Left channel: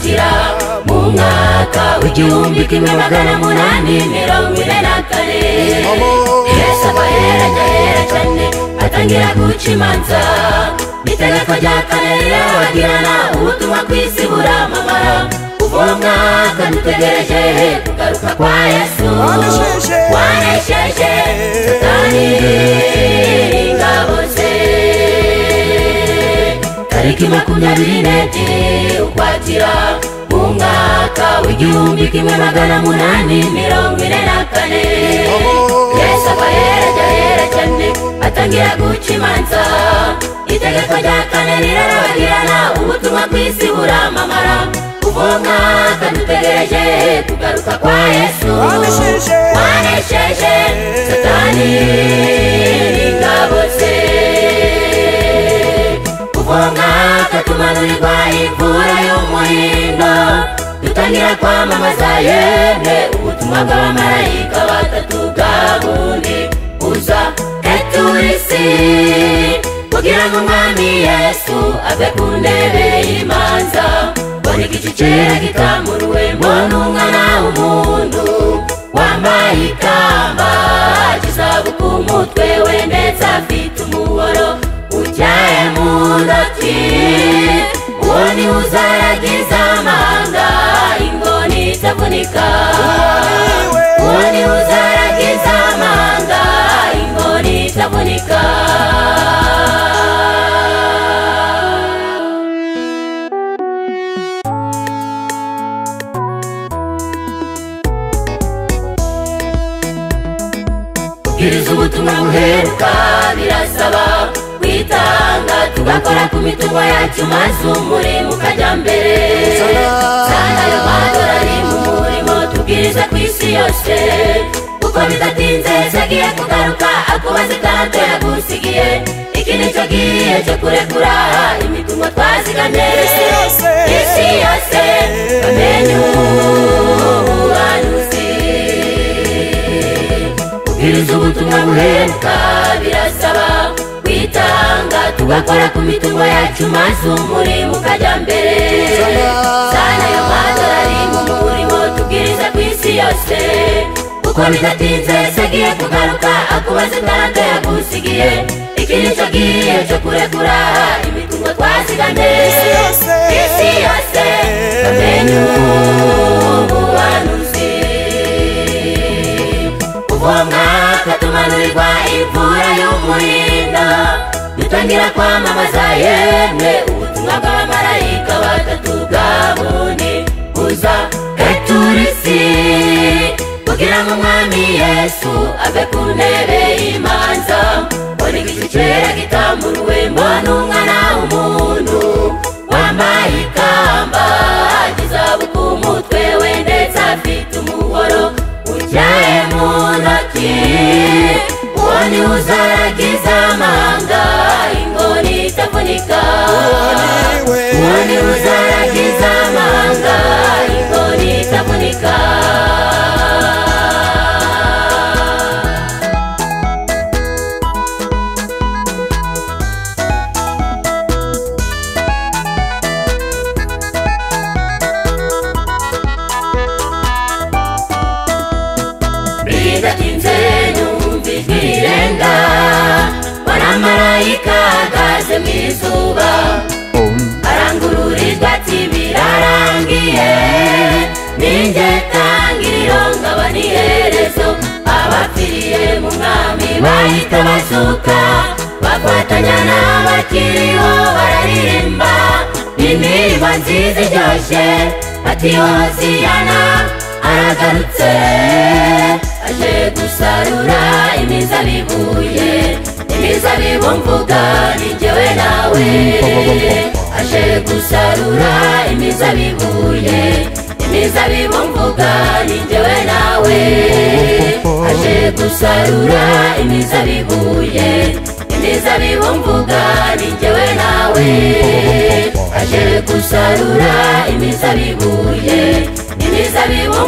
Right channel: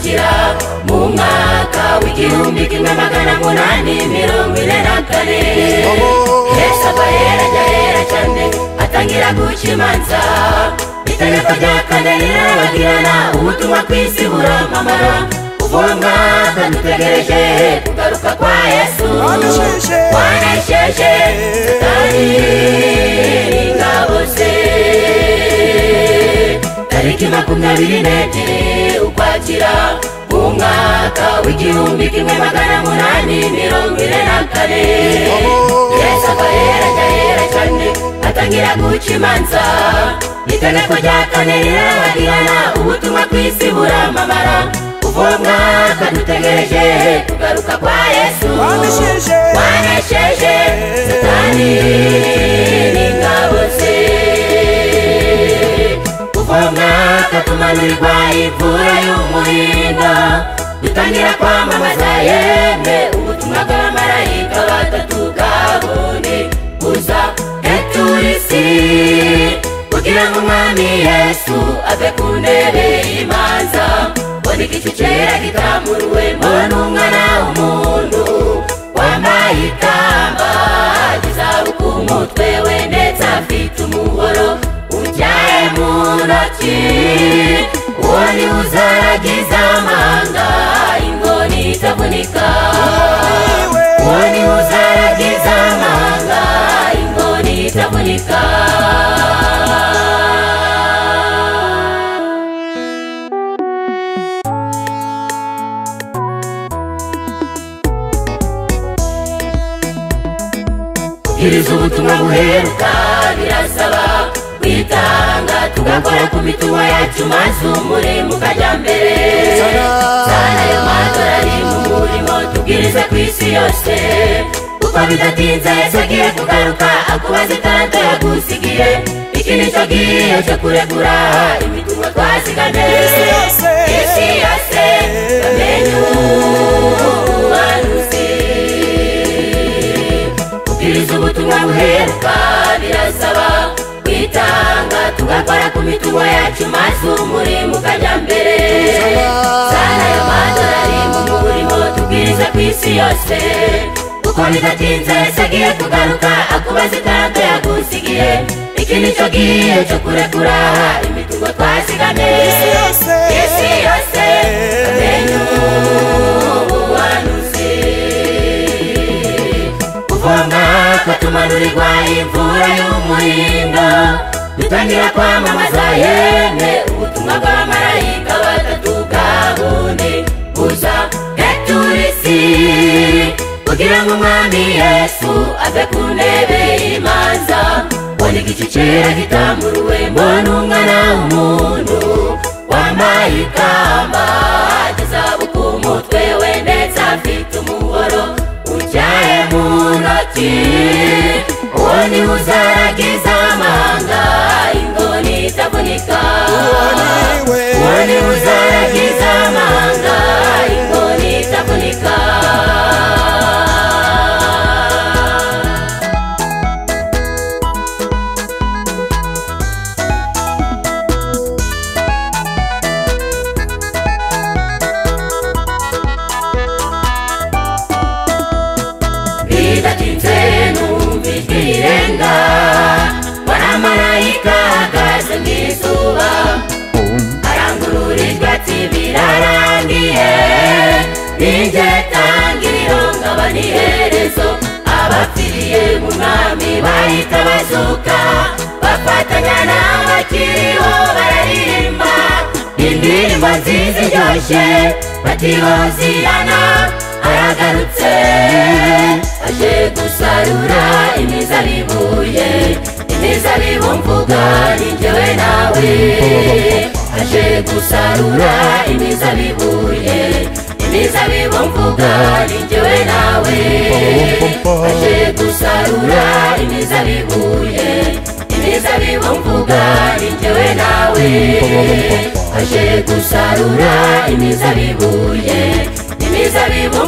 ukwakira mu mwaka w'igihumbi kimwe magana munani mirongo ine na kane. Yesu aba yera cyane atangira guca imanza. Itegeko rya kane rirabagirana ubutumwa ku isi buramamara. Uwo mwaka dutegereje kugaruka kwa Yesu wanesheje ingabo ze. Tariki 24 ukwakira mu mwaka w'igihumbi kimwe magana munani mirongo ine na kane. Yesu aba yera cyane atangira guca imanza. Itegeko rya kane rirabagirana ubutumwa ku isi buramamara. Uwo mwaka dutegereje kugaruka kwa Yesu wanesheje satani ingabo ze. Uwo mwaka tumanurirwa imvura y'umuhindo. Dutangira kwamamaza yemwe ubutumwa bw'abamarayika batatu bwa bundi buza eturisi, kugira ngo umwami Yesu ave ku ntebe y'imanza. Buri gicu cyera gitamuruwemo n'umwana w'umuntu wambaye ikamba ry'izahabu ku mutwe we, ndetse afite umuhoro utyaye mu ntoki. Uwo ni we uzaragiza amahanga ingoni itavunika. Uwo ni we uzaragiza amahanga ingoni itavunika. Kubwiriza ubutumwa buheruka birasaba kwitanga, tugakora ku mitungo yacu maze umurimo ukajya mbere. Sana ayo madorari mu murimo tubwiriza ku isi yose. Kuko bidatinze Yesu agiye kugaruka akubaza itarante yagusigiye. Iki ni cyo gihe cyo kurekura imitungo twazigane. Isi yose kubwiriza ubutumwa buheruka birasaba kwitanga, tugakora ku mitungo yacu maze umurimo ukajya mbere. Sana ayo madorari mu murimo tubwiriza ku isi yose. Kuko bidatinze Yesu agiye kugaruka akubaza itarante yagusigiye. Iki ni cyo gihe cyo kurekura imitungo twazigane. Isi yose ubuhanuzi. Uwo mwaka tumanurirwa imvura y'umuhindo. Dutangira kwamamaza yemwe ubutumwa bw'abamarayika batatu bwa bundi buza eturisi, kugira ngo umwami Yesu ave ku ntebe y'imanza. Buri gicu cyera gitamuruwemo n'umwana w'umuntu wambaye ikamba ry'izahabu ku mutwe we, ndetse afite umuhoro utyaye mu ntoki. Uwo ni we uzaragiza amahanga ingoni itavunika. Uwo ni we uzaragiza amahanga ingoni itavunika. Bidatinze numva ijwi rirenga, abamarayika bahagaze mu izuba. Arangururirwa ati birarangiye, ninjye tangiriro nkaba n'iherezo. Abapfiriye mu mwami bahita bazuka, bafatanya n'abakiriho bararirimba indirimbo nziza iryoshye bati Hosiyana aragarutse, aje gusarura imizabibu ye. Imizabibu mvuga ni jyewe nawe. Aje gusarura imizabibu ye. Imizabibu mvuga ni jyewe nawe. Aje gusarura imizabibu ye. Imizabibu mvuga ni jyewe nawe. Aje gusarura imizabibu ye. Imizabibu